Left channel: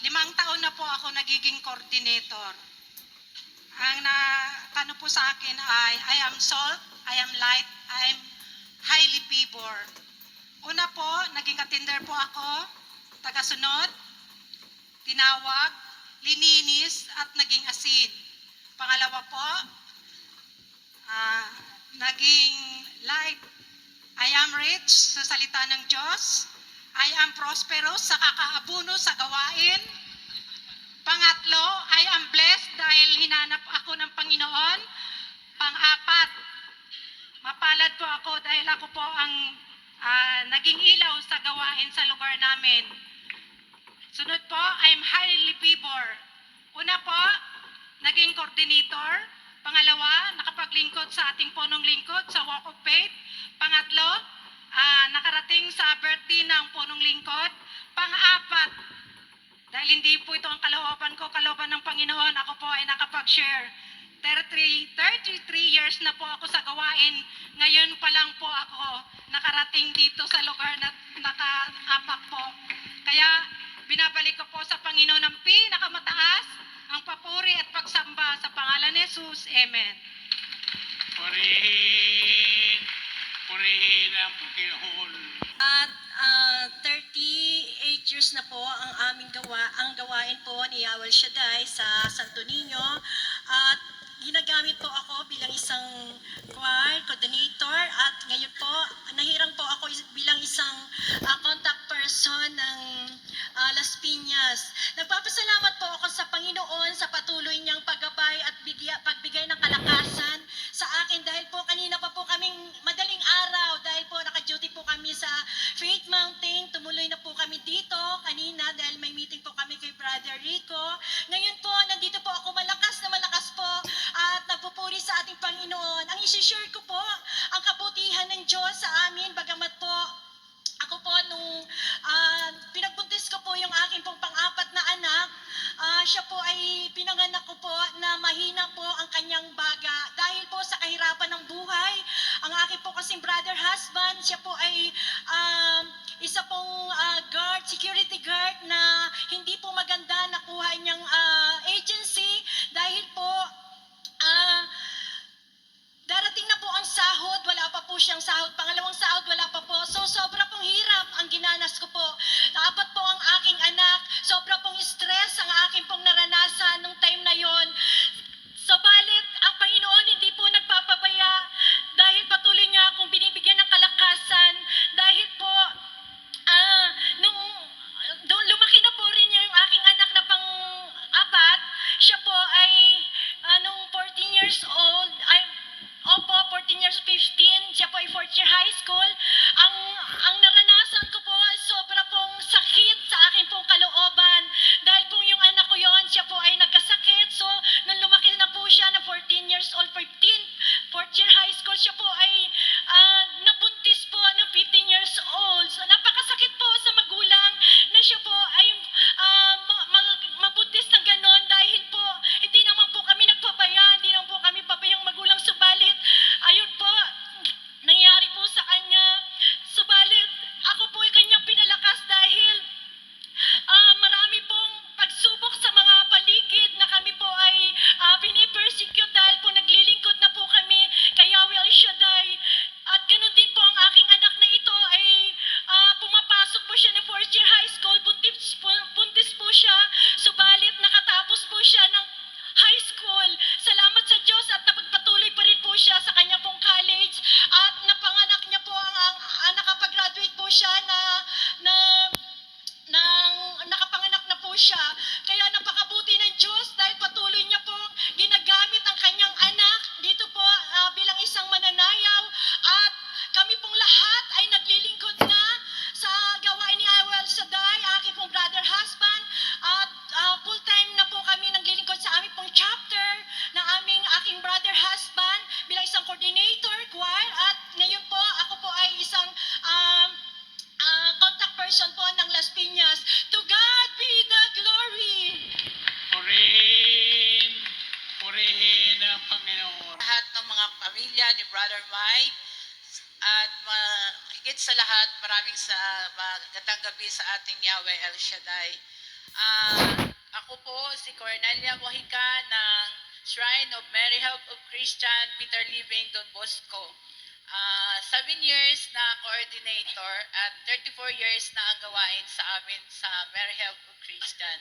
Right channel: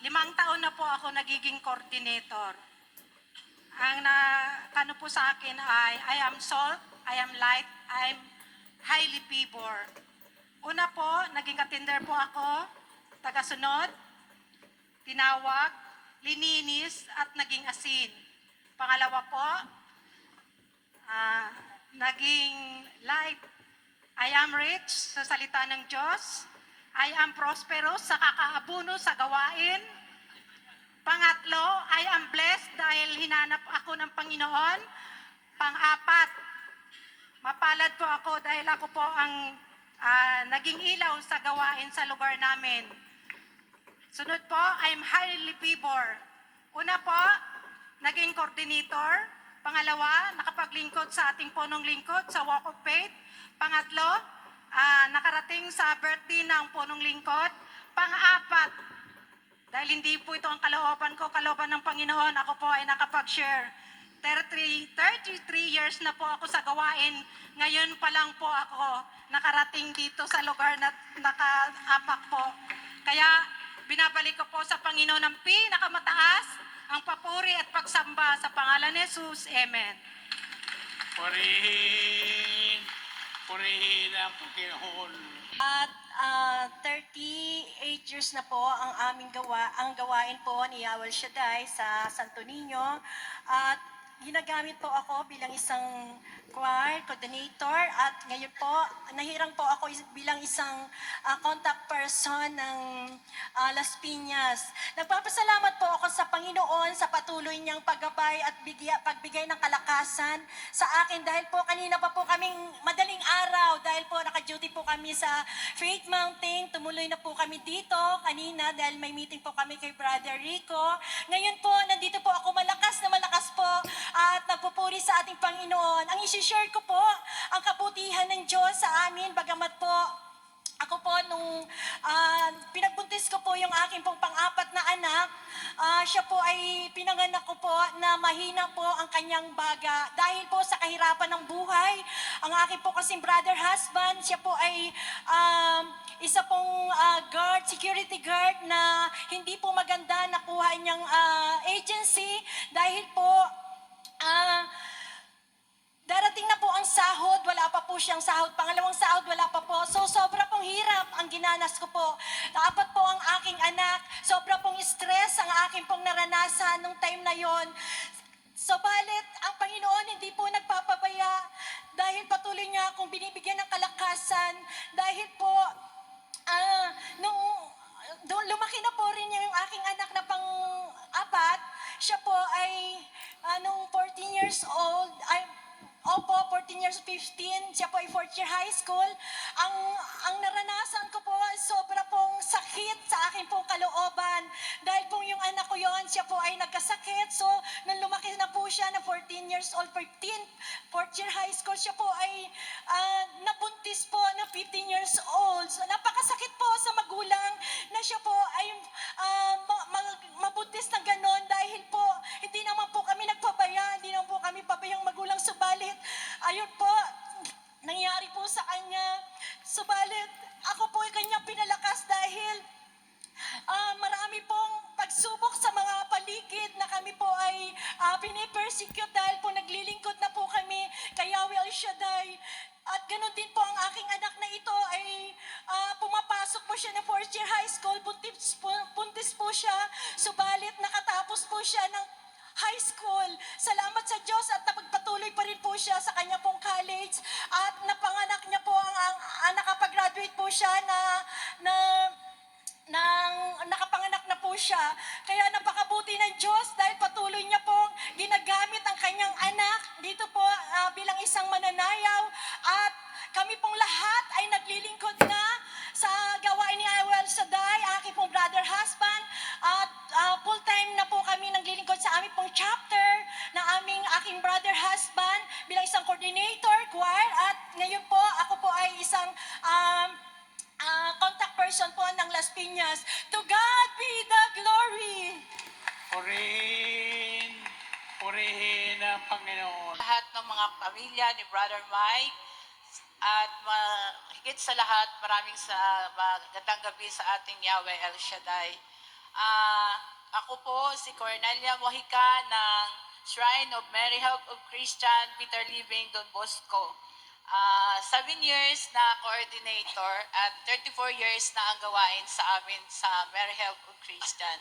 limang taon na po ako nagiging coordinator. Ang na ano po sa akin ay I am salt, I am light, I am highly favor. Una po, naging attender po ako, tagasunod, tinawag, lininis at naging asin. Pangalawa po, ah, naging light. I am rich sa salita ng Diyos. I am prosperous sa kakaabuno sa gawain. Pangatlo, I am blessed dahil hinanap ako ng Panginoon. Pang-apat, mapalad po ako dahil ako po ang ah, naging ilaw sa gawain sa lugar namin. Sunod po, I am highly favor. Una po, naging coordinator. Pangalawa, nakapaglingkod sa ating punong lingkod sa Walk of Faith. Pangatlo, ah, nakarating sa birthday ng punong lingkod. Pang-apat, dahil hindi po ito ang kalooban ko, kalooban ng Panginoon, ako po ay nakapag-share. 33, 33 years na po ako sa gawain. Ngayon pa lang po ako nakarating dito sa lugar na nakaapak po. Kaya binabalik ko po sa Panginoon ang pinakamataas, ang papuri at pagsamba sa pangalan ni Jesus. Amen. Purihin, purihin ang Panginoon. At 38 years na po ang aming gawa, ang gawain po ni Yawel Shaddai sa Santo Niño. At ginagamit po ako bilang isang choir coordinator at ngayon po nahirang po ako bilang isang ah, contact person ng ah, Las Piñas. Nagpapasalamat po ako sa Panginoon sa patuloy niyang paggabay at bigya, pagbigay ng kalakasan sa akin dahil po kanina pa po kaming madaling araw dahil po naka-duty po kami sa Faith Mountain. Tumuloy na po kami dito kanina dahil may meeting po kami kay Brother Rico. Ngayon po, nandito po ako malakas na malakas at nagpupuri sa ating Panginoon. Ang isi-share ko po, ang kabutihan ng Diyos sa amin, bagamat po ako po, nung ah, pinagbuntis ko po yung aking pong pang-apat na anak, ah, siya po ay pinanganak ko po na mahina po ang kanyang baga. Dahil po sa kahirapan ng buhay, ang aking po kasing brother husband, siya po ay um, isa pong ah, guard, security guard na hindi po maganda nakuha niyang ah, agency dahil po ah, Darating na po ang sahod, wala pa po siyang sahod. Pangalawang sahod, wala pa po. So, sobra pong hirap ang ginanas ko po. Apat po ang aking anak. Sobra pong stress ang aking pong naranasan nung time na yon. Pamilya ni Brother Mike at ma- higit sa lahat maraming sa magandang gabi sa ating Yahweh El Shaddai. Ah, ako po si Cornelia Mojica ng Shrine of Mary Help of Christian Peter Living Don Bosco. Ah, seven years na coordinator at 34 years na ang gawain sa amin sa Mary Help of Christian.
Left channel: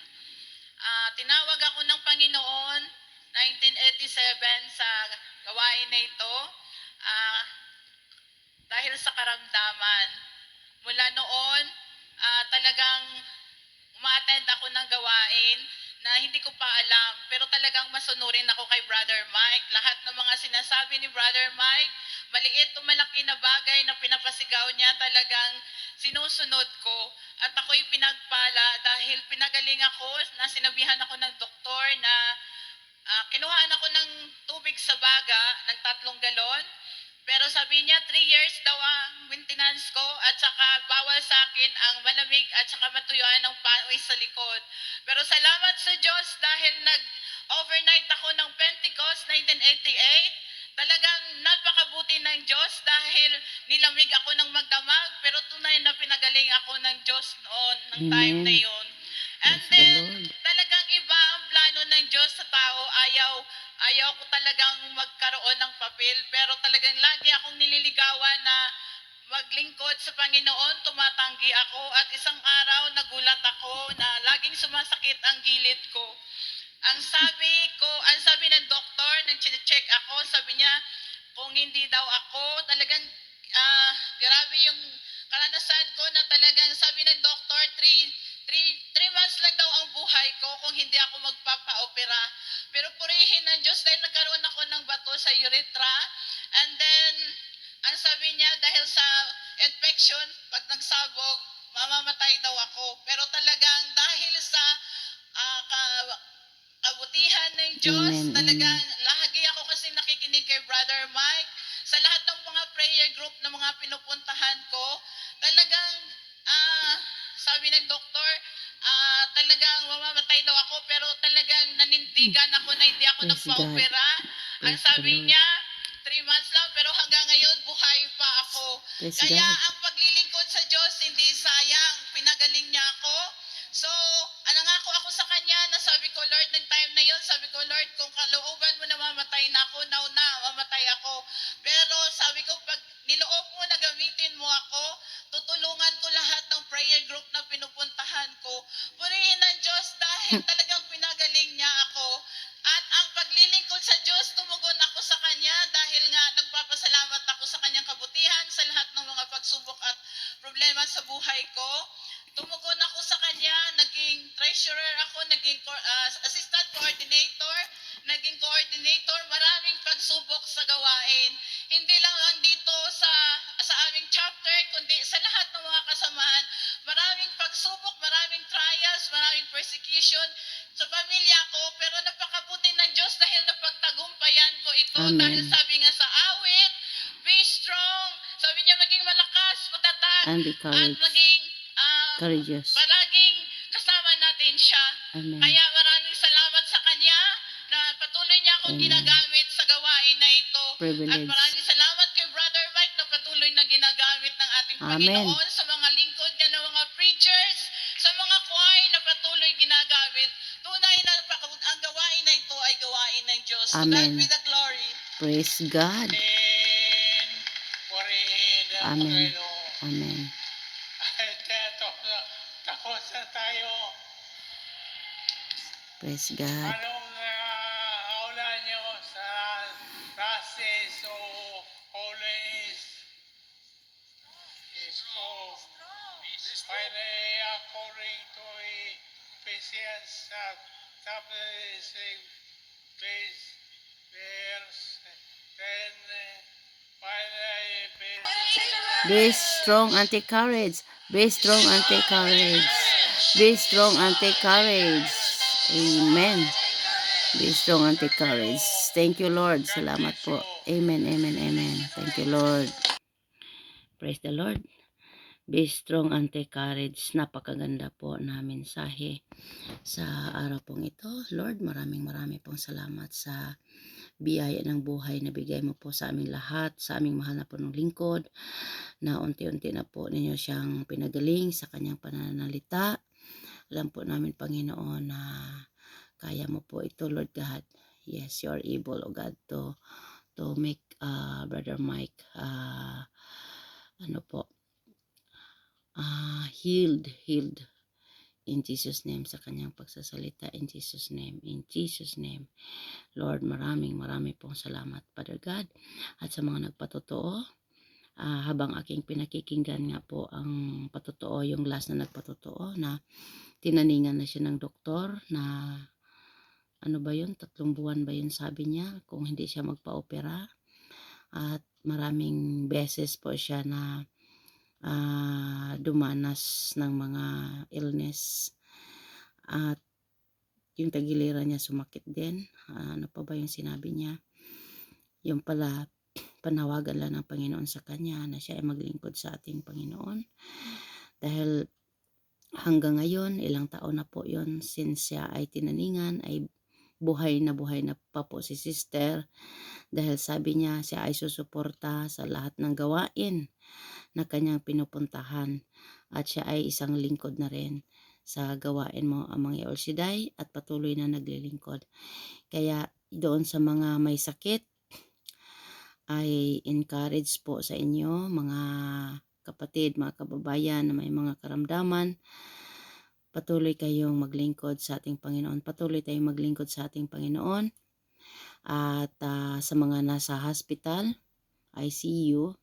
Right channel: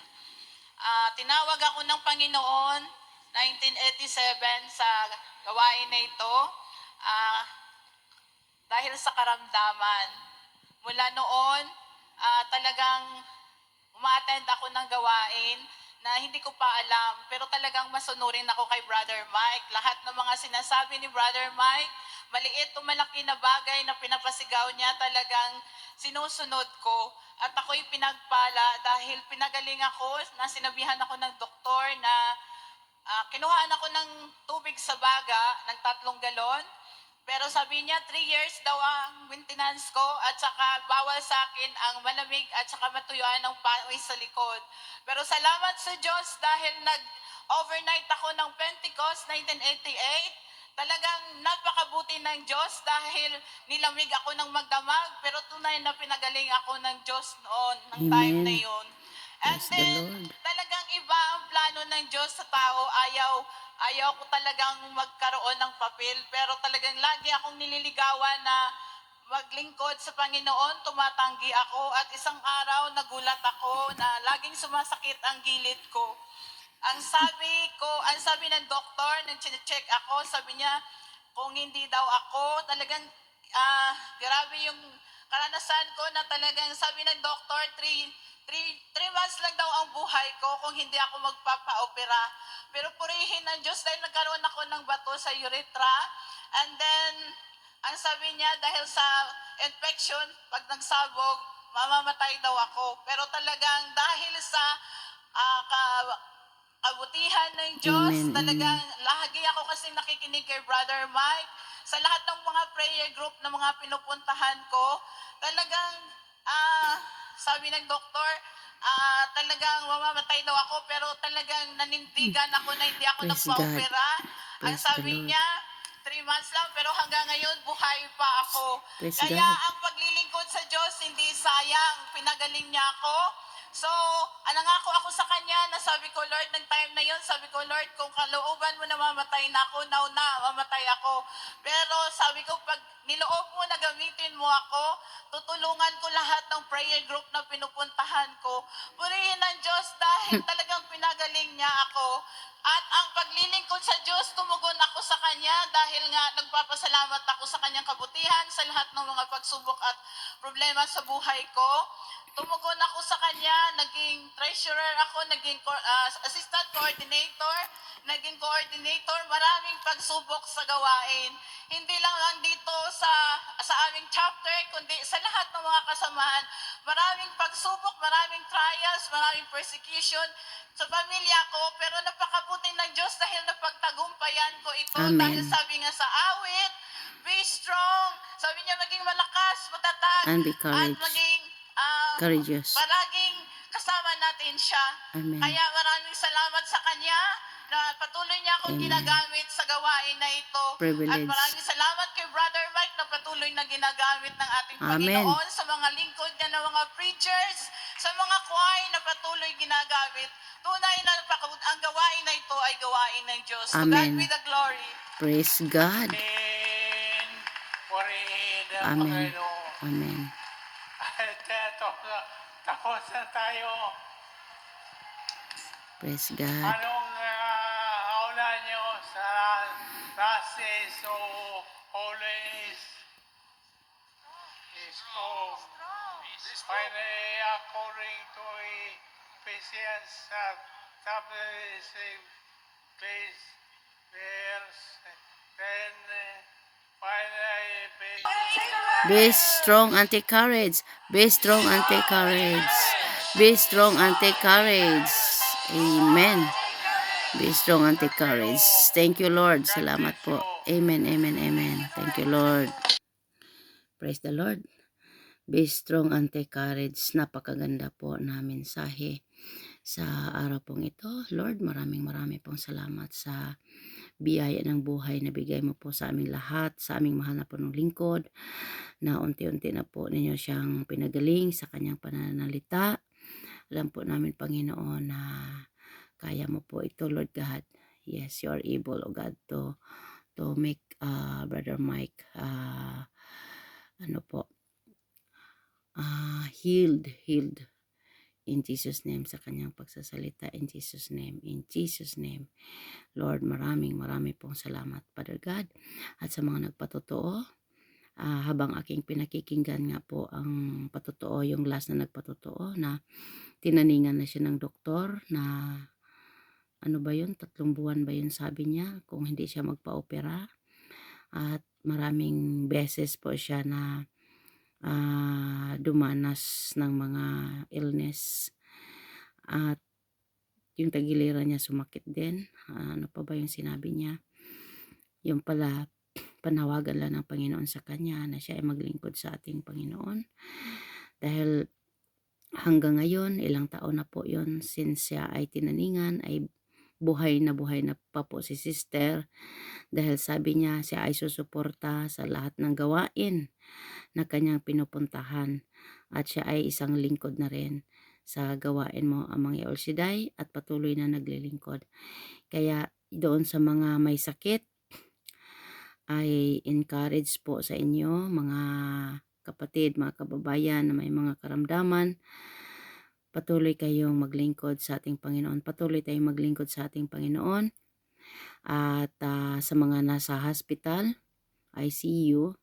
Ah, tinawag ako ng Panginoon 1987 sa gawain na ito ah, dahil sa karamdaman. Mula noon, ah, talagang umaattend ako ng gawain na hindi ko pa alam, pero talagang masunurin ako kay Brother Mike. Lahat ng mga sinasabi ni Brother Mike, maliit o malaki na bagay na pinapasigaw niya, talagang sinusunod ko. At ako'y pinagpala dahil pinagaling ako, na sinabihan ako ng doktor na ah, kinuhaan ako ng tubig sa baga ng tatlong galon. Pero sabi niya, three years daw ang maintenance ko at saka bawal sa akin ang malamig at saka matuyuan ng pawis sa likod. Pero salamat sa Diyos dahil nag-overnight ako ng Pentecost 1988. Talagang napakabuti ng Diyos dahil nilamig ako ng magdamag pero tunay na pinagaling ako ng Diyos noon, ng time na yun. And the then, Lord. talagang iba ang plano ng Diyos sa tao. Ayaw, ayaw ko talagang magkaroon ng papel. Pero talagang lagi akong nililigawan na maglingkod sa Panginoon, tumatanggi ako. At isang araw, nagulat ako na laging sumasakit ang gilid ko. Ang sabi ko, ang sabi ng doktor, nang check ako, sabi niya, kung hindi daw ako, talagang ah, grabe yung karanasan ko na talagang sabi ng doktor, three, three, three months lang daw ang buhay ko kung hindi ako magpapa-opera. Pero purihin ng Diyos dahil nagkaroon ako ng bato sa urethra. And then, ang sabi niya, dahil sa infection, pag nagsabog, mamamatay daw ako. Pero talagang dahil sa ah, ka- kabutihan ng Diyos, Amen, talagang lagi ako kasi nakikinig kay Brother Mike. Sa lahat ng mga prayer group na mga pinupuntahan ko, talagang ah, sabi ng doktor, ah, talagang mamamatay daw ako pero talagang nanindigan ako na hindi ako Praise nagpa-opera. Ang sabi niya, three months lang pero hanggang ngayon buhay pa ako. Praise Kaya God. ang paglilingkod sa Diyos hindi sayang. Pinagaling niya ako. So, ah, nangako ako sa kanya na sabi ko, Lord, ng time na yon sabi ko, Lord, kung kalooban mo na mamatay na ako, now na, mamatay ako. Pero sabi ko, pag niloob mo na gamitin mo ako, tutulungan ko lahat ng prayer group na pinupuntahan ko. Purihin ng Diyos dahil talagang pinagaling niya ako. At ang paglilingkod sa Diyos, tumugon ako sa Kanya dahil nga nagpapasalamat ako sa Kanyang kabutihan sa lahat ng mga pagsubok at problema sa buhay ko. Tumugon naging treasurer ako, naging ah, assistant coordinator, naging coordinator, maraming pagsubok sa gawain. Hindi lang lang dito sa sa aming chapter, kundi sa lahat ng mga kasamahan. Maraming pagsubok, maraming trials, maraming persecution sa pamilya ko, pero napakabuti ng Diyos dahil napagtagumpayan ko ito. Amen. Dahil sabi nga sa awit, be strong. Sabi niya, maging malakas, matatag, And be at courage. maging ah, Courageous. siya. Amen. Kaya maraming salamat sa Kanya na patuloy niya akong Amen. ginagamit sa gawain na ito. At Privilege. maraming salamat kay Brother Mike na patuloy na ginagamit ng ating Amen. Panginoon sa mga lingkod niya ng mga preachers, sa mga choir na patuloy ginagamit. Tunay na ang gawain na ito ay gawain ng Diyos. To Amen. God be the glory. Praise God. Amen. Amen. At eto, tapos na tayo. Praise God. According to Ephesians chapter 6 verse verse 10 uh, finally Be strong and take courage. Be strong and take courage. Be strong and take courage. Amen. Be strong and take courage. Thank you, Lord. Salamat po. Amen, amen, amen. Thank you, Lord. Praise the Lord. Be strong and take courage. Napakaganda po na mensahe sa araw pong ito. Lord, maraming maraming pong salamat sa biyaya ng buhay na bigay mo po sa aming lahat, sa aming mahal na punong lingkod, na unti-unti na po ninyo siyang pinagaling sa kanyang pananalita Alam po namin, Panginoon, na kaya mo po ito, Lord God. Yes, you are able, O God, to to make uh, Brother Mike uh, ano po uh, healed, healed in Jesus name sa kanyang pagsasalita in Jesus name in Jesus name Lord maraming marami pong salamat Father God at sa mga nagpatotoo ah, habang aking pinakikinggan nga po ang patotoo yung last na nagpatotoo na tinaningan na siya ng doktor na ano ba yun tatlong buwan ba yun sabi niya kung hindi siya magpa-opera. At maraming beses po siya na ah, dumanas ng mga illness. At yung tagiliran niya sumakit din. Ah, ano pa ba yung sinabi niya? Yung pala panawagan lang ng Panginoon sa kanya na siya ay maglingkod sa ating Panginoon. Dahil hanggang ngayon ilang taon na po yon since siya ay tinaningan ay buhay na buhay na pa po si sister. Dahil sabi niya siya ay susuporta sa lahat ng gawain na kanyang pinupuntahan. At siya ay isang lingkod na rin sa gawain mo amang Yaolsiday at patuloy na naglilingkod. Kaya doon sa mga may sakit ay encourage po sa inyo mga kapatid, mga kababayan na may mga karamdaman patuloy kayong maglingkod sa ating Panginoon. Patuloy tayong maglingkod sa ating Panginoon. At ah, sa mga nasa hospital, ICU,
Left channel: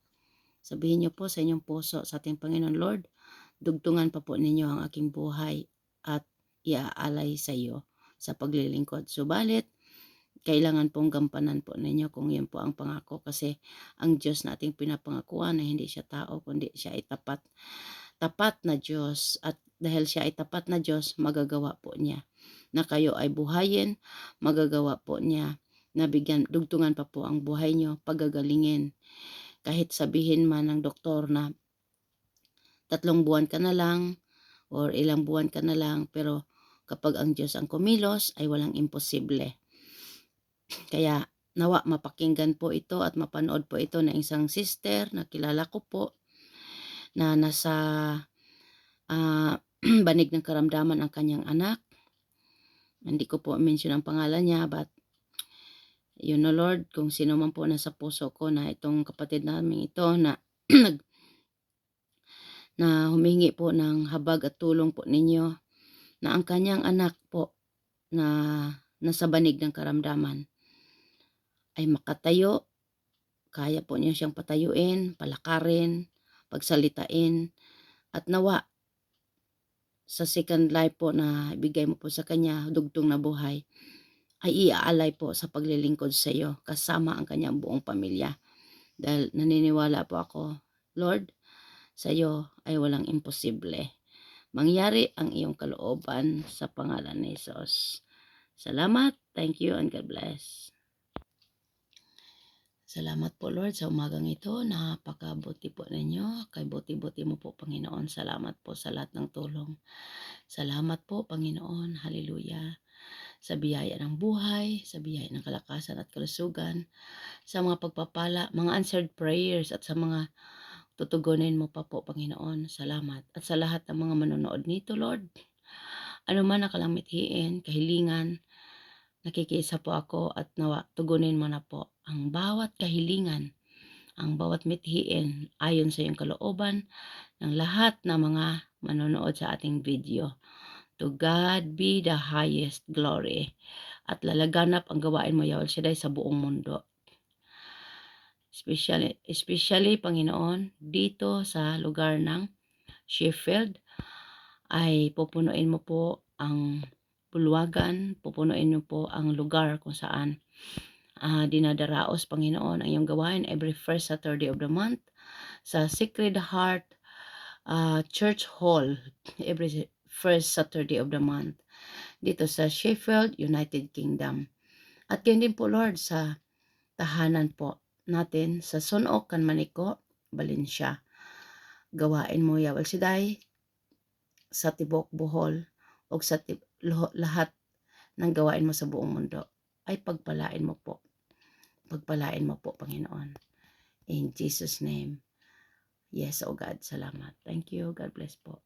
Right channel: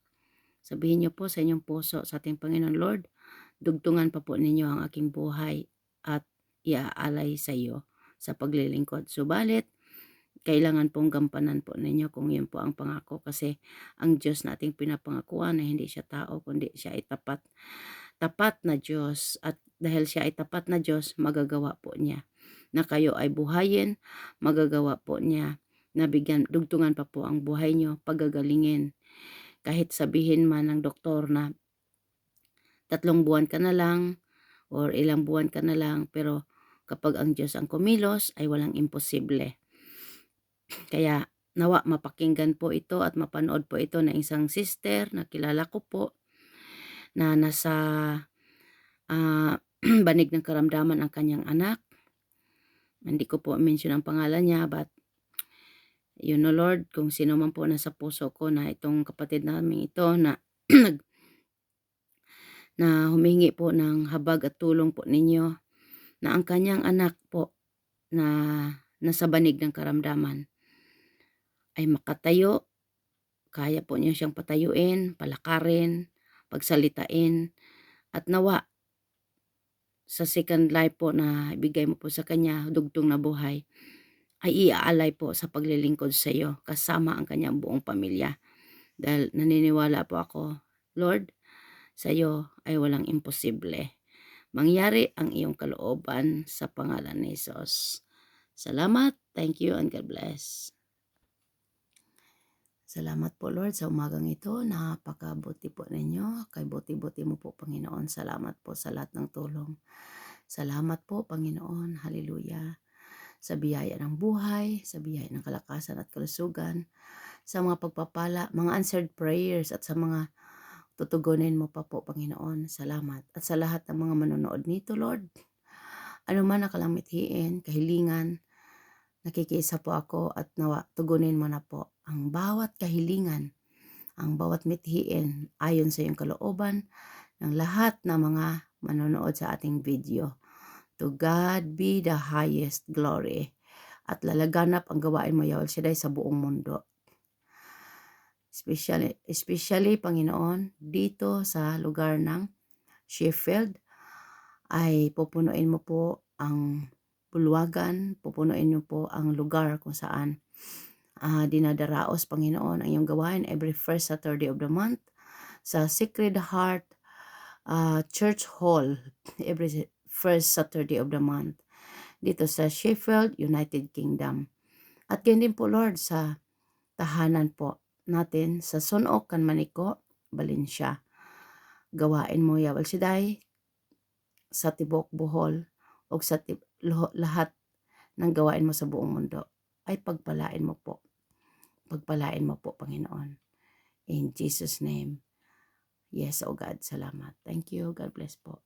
sabihin niyo po sa inyong puso sa ating Panginoon, Lord, dugtungan pa po ninyo ang aking buhay at iaalay sa iyo sa paglilingkod. Subalit, kailangan pong gampanan po ninyo kung yun po ang pangako. Kasi ang Diyos na ating pinapangakuan na hindi siya tao kundi siya ay tapat tapat na Diyos. At dahil siya ay tapat na Diyos magagawa po niya na kayo ay buhayin magagawa po niya na bigyan dugtungan pa po ang buhay niyo pagagalingin. Kahit sabihin man ng doktor na tatlong buwan ka na lang or ilang buwan ka na lang pero kapag ang Diyos ang kumilos ay walang imposible kaya nawa mapakinggan po ito at mapanood po ito ng isang sister na kilala ko po na nasa ah, banig ng karamdaman ang kanyang anak. Hindi ko po mention ang pangalan niya but you know Lord kung sino man po nasa puso ko na itong kapatid namin ito na nag na humingi po ng habag at tulong po ninyo na ang kanyang anak po na nasa banig ng karamdaman ay makatayo, kaya po niyo siyang patayuin, palakarin, pagsalitain, at nawa sa second life po na ibigay mo po sa kanya, dugtong na buhay, ay iaalay po sa paglilingkod sa iyo kasama ang kanyang buong pamilya. Dahil naniniwala po ako, Lord, sa iyo ay walang imposible. Mangyari ang iyong kalooban sa pangalan ni Jesus. Salamat, thank you, and God bless. Salamat po Lord sa umagang ito. Napakabuti po ninyo. Kay buti-buti mo po Panginoon. Salamat po sa lahat ng tulong. Salamat po Panginoon. Hallelujah. Sa biyaya ng buhay, sa biyaya ng kalakasan at kalusugan, sa mga pagpapala, mga answered prayers at sa mga tutugunin mo pa po Panginoon. Salamat. At sa lahat ng mga manonood nito Lord, ano man ang kalamithiin, kahilingan, nakikisa po ako at nawa, tugunin mo na po ang bawat kahilingan, ang bawat mithiin ayon sa iyong kalooban ng lahat ng mga manonood sa ating video. To God be the highest glory. At lalaganap ang gawain mo, Yahweh Shaddai, sa buong mundo. Especially, especially, Panginoon, dito sa lugar ng Sheffield, ay pupunuin mo po ang bulwagan, pupunuin niyo po ang lugar kung saan ah, dinadaraos, Panginoon, ang iyong gawain every first Saturday of the month sa Sacred Heart ah, Church Hall every first Saturday of the month dito sa Sheffield, United Kingdom. At ganyan din po, Lord, sa tahanan po natin sa Sunok, Kanmaniko, Valencia. Gawain mo, Yawal Siday, sa Tibok, Bohol, o sa lahat ng gawain mo sa buong mundo ay pagpalain mo po. Pagpalain mo po, Panginoon. In Jesus' name. Yes, oh God, salamat. Thank you. God bless po.